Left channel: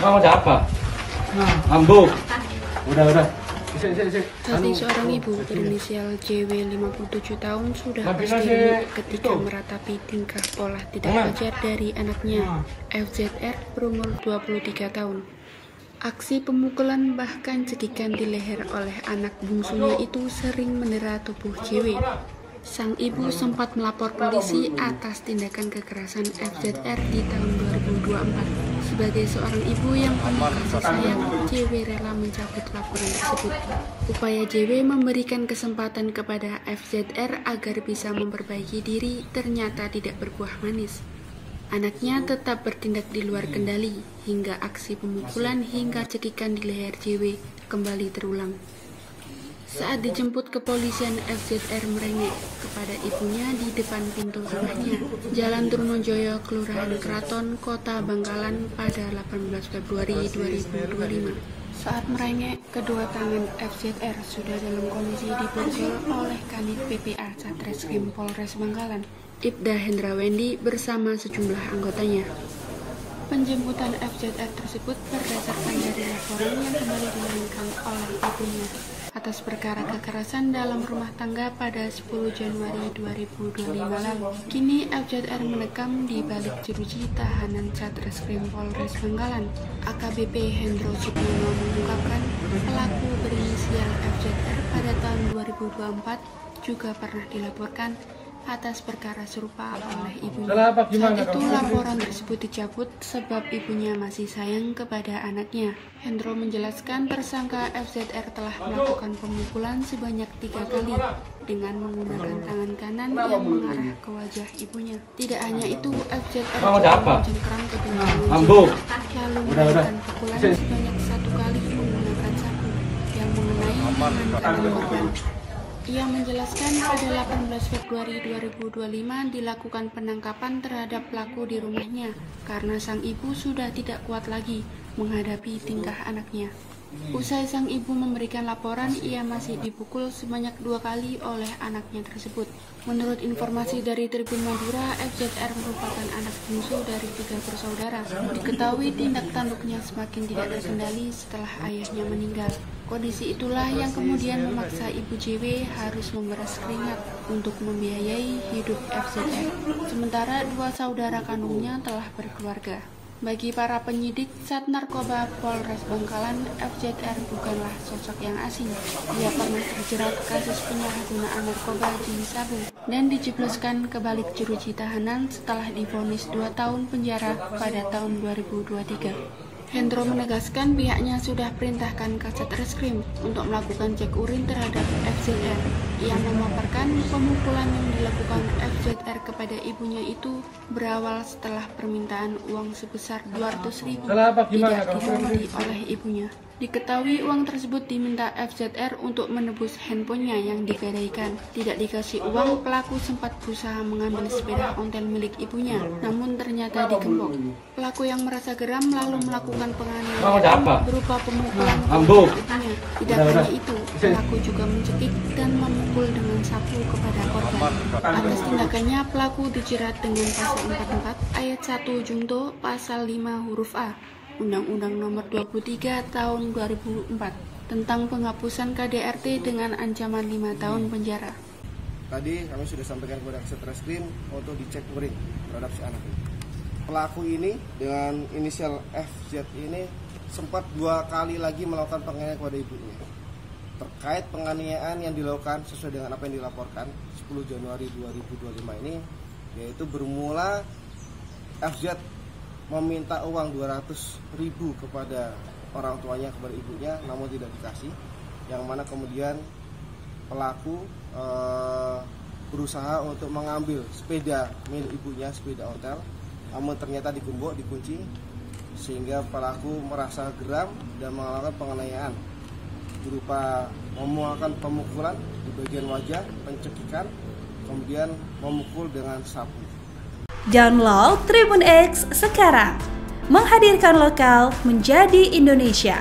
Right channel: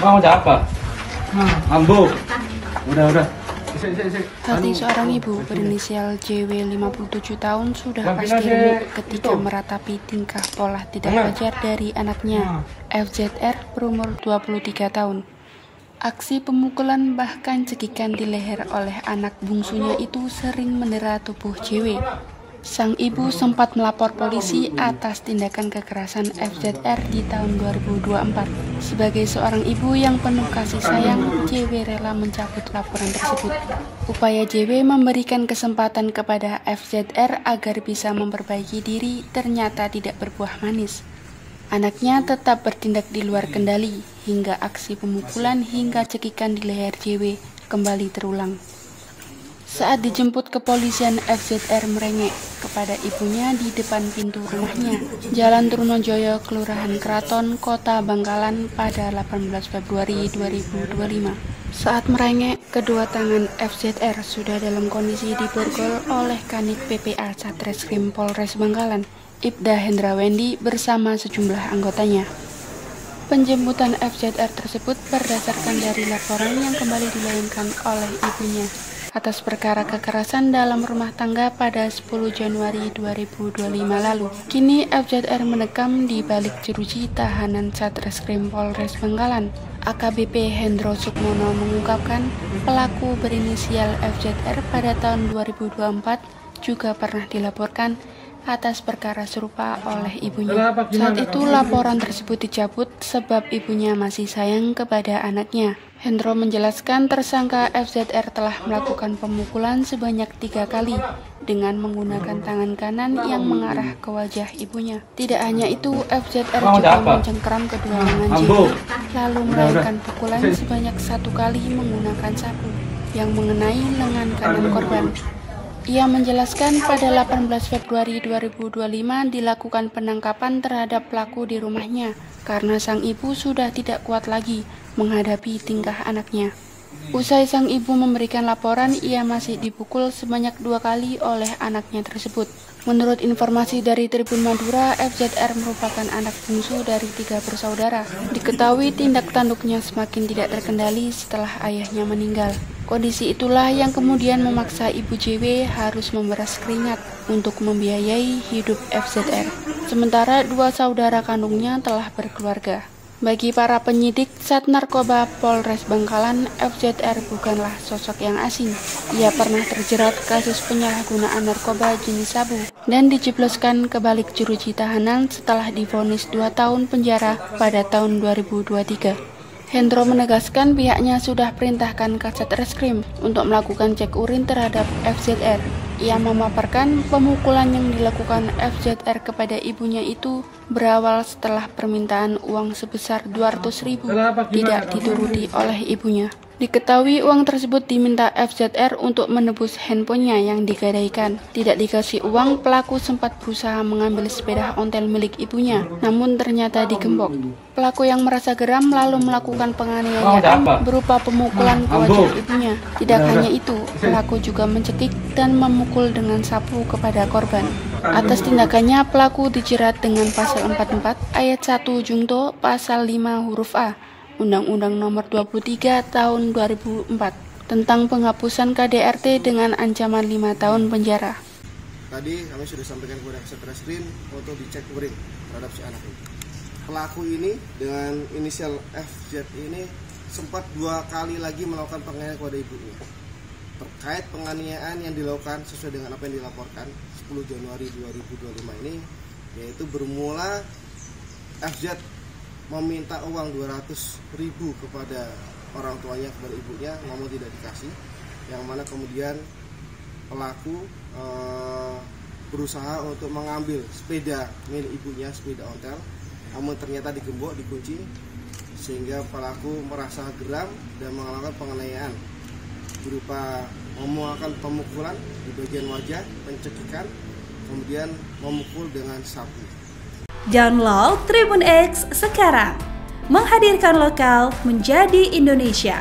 Mau apa? Ambo. Udah. Hati seorang ibu berinisial JW 57 tahun sudah pasti remuk ketika meratapi tingkah pola tidak wajar dari anaknya FZR berumur 23 tahun. Aksi pemukulan bahkan cekikan di leher oleh anak bungsunya itu sering mendera tubuh JW. Sang ibu sempat melapor polisi atas tindakan kekerasan FZR di tahun 2024. Sebagai seorang ibu yang penuh kasih sayang, JW rela mencabut laporan tersebut. Upaya JW memberikan kesempatan kepada FZR agar bisa memperbaiki diri ternyata tidak berbuah manis. Anaknya tetap bertindak di luar kendali, hingga aksi pemukulan hingga cekikan di leher JW kembali terulang. Saat dijemput kepolisian, FZR merengek kepada ibunya di depan pintu rumahnya, Jalan Trunojoyo, Kelurahan Keraton, Kota Bangkalan pada 18 Februari 2025. Saat merengek, kedua tangan FZR sudah dalam kondisi diborgol oleh Kanit PPA Satreskrim Polres Bangkalan, Ibda Hendrawendi bersama sejumlah anggotanya. Penjemputan FZR tersebut berdasarkan dari laporan yang kembali dilayangkan oleh ibunya atas perkara kekerasan dalam rumah tangga pada 10 Januari 2025 lalu. Kini FZR mendekam di balik jeruji tahanan Satreskrim Polres Bangkalan. AKBP Hendro Sukmono mengungkapkan pelaku berinisial FZR pada tahun 2024 juga pernah dilaporkan atas perkara serupa oleh ibunya. Saat itu laporan tersebut dicabut sebab ibunya masih sayang kepada anaknya. Hendro menjelaskan tersangka FZR telah melakukan pemukulan sebanyak 3 kali dengan menggunakan tangan kanan yang mengarah ke wajah ibunya. Tidak hanya itu, FZR juga mencengkeram kedua tangan JW, lalu melakukan pukulan sebanyak 1 kali menggunakan sapu yang mengenai lengan kanan korban. Ia menjelaskan pada 18 Februari 2025 dilakukan penangkapan terhadap pelaku di rumahnya karena sang ibu sudah tidak kuat lagi menghadapi tingkah anaknya. Usai sang ibu memberikan laporan, ia masih dipukul sebanyak 2 kali oleh anaknya tersebut. Menurut informasi dari Tribun Madura, FZR merupakan anak bungsu dari 3 bersaudara. Diketahui tindak tanduknya semakin tidak terkendali setelah ayahnya meninggal. Kondisi itulah yang kemudian memaksa ibu JW harus memeras keringat untuk membiayai hidup FZR. Sementara 2 saudara kandungnya telah berkeluarga. Bagi para penyidik Sat Narkoba Polres Bangkalan, FZR bukanlah sosok yang asing. Ia pernah terjerat kasus penyalahgunaan narkoba jenis sabu dan dijebloskan ke balik jeruji tahanan setelah divonis 2 tahun penjara pada tahun 2023. Hendro menegaskan pihaknya sudah perintahkan ke Satreskrim untuk melakukan cek urin terhadap FZR. Ia memaparkan pemukulan yang dilakukan FZR kepada ibunya itu berawal setelah permintaan uang sebesar 200.000 tidak dituruti oleh ibunya. Diketahui uang tersebut diminta FZR untuk menebus handphonenya yang digadaikan. Tidak dikasih uang, pelaku sempat berusaha mengambil sepeda ontel milik ibunya, namun ternyata digembok. Pelaku yang merasa geram lalu melakukan penganiayaan berupa pemukulan ke wajah ibunya. Tidak hanya itu, pelaku juga mencekik dan memukul dengan sapu kepada korban. Atas tindakannya, pelaku dijerat dengan pasal 44 ayat 1 Jungto pasal 5 huruf A Undang-Undang Nomor 23 Tahun 2004 tentang penghapusan KDRT dengan ancaman 5 tahun penjara. Tadi kami sudah sampaikan kepada Satreskrim untuk dicek urin terhadap si anak ini. Pelaku ini dengan inisial FZ ini sempat 2 kali lagi melakukan penganiayaan kepada ibunya. Terkait penganiayaan yang dilakukan sesuai dengan apa yang dilaporkan 10 Januari 2025 ini, yaitu bermula FZ meminta uang 200.000 kepada orang tuanya, kepada ibunya, namun tidak dikasih. Yang mana kemudian pelaku berusaha untuk mengambil sepeda milik ibunya, sepeda ontel, namun ternyata digembok, dikunci, sehingga pelaku merasa geram dan melakukan penganiayaan berupa memuakan pemukulan di bagian wajah, pencekikan, kemudian memukul dengan sapu. Download Tribun X sekarang, menghadirkan lokal menjadi Indonesia.